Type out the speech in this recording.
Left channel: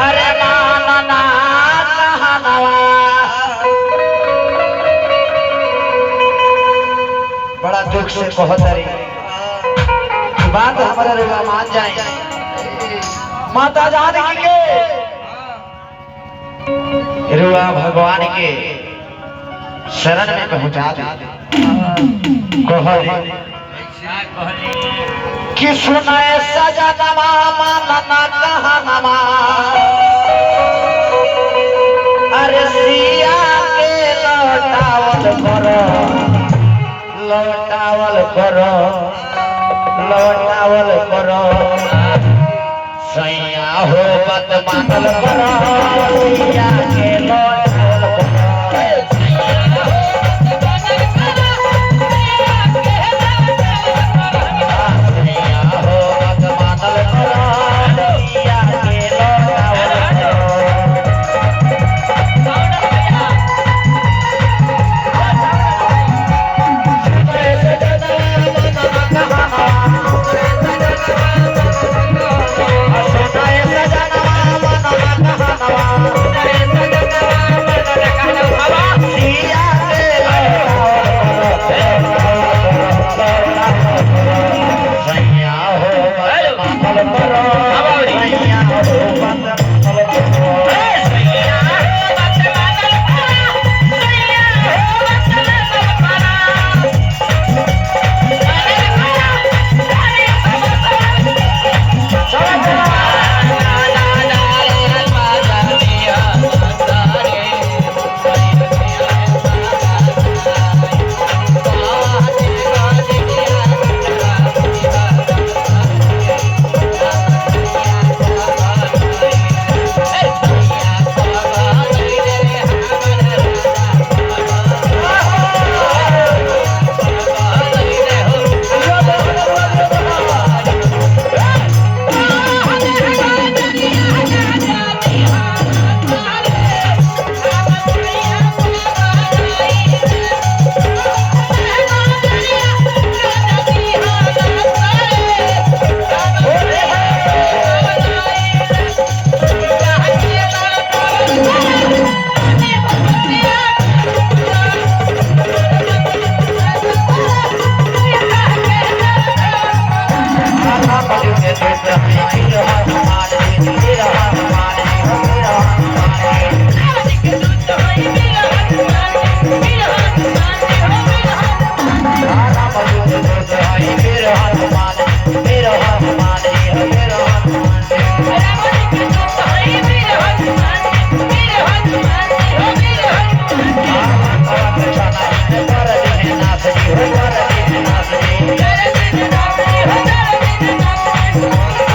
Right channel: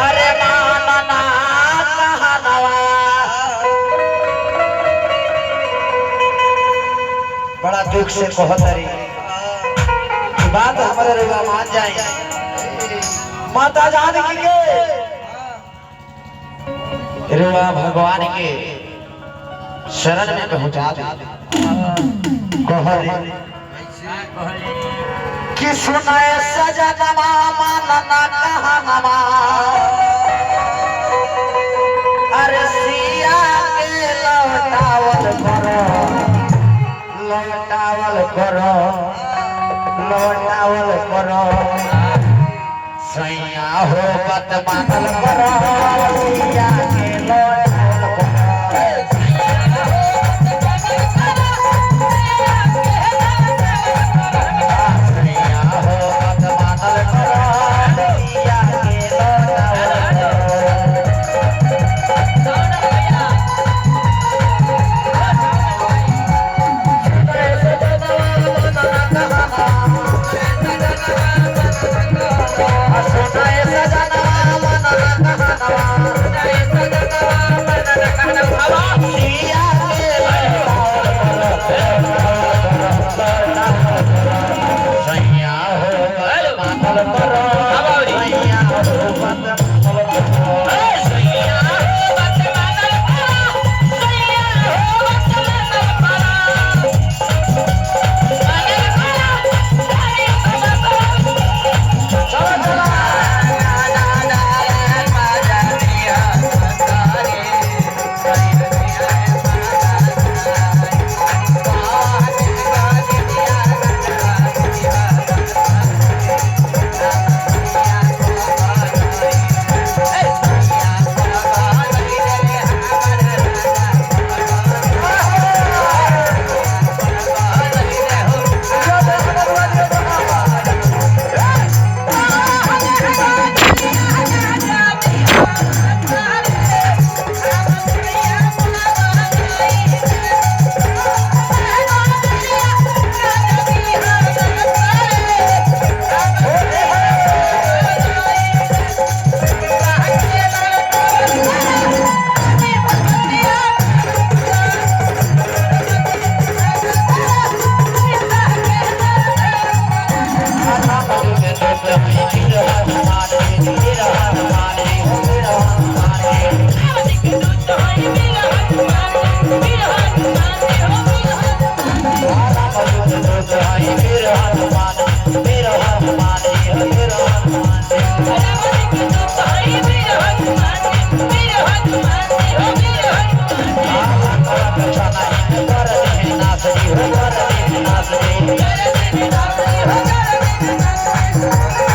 अरे मानना कहनवा बड़ा दुख से कहतरी बात हमारे रुआ मान जाए माता जानकी के रुआ भगवान के शरण में पहुंचा दे कहले कि सुनाए सजनवा मानना कहनवा अरे सिया के लौटावल करो लौटावल करो लौटावल करो सैया हो बत मानल करो सिया के लौटावल करो Thank you.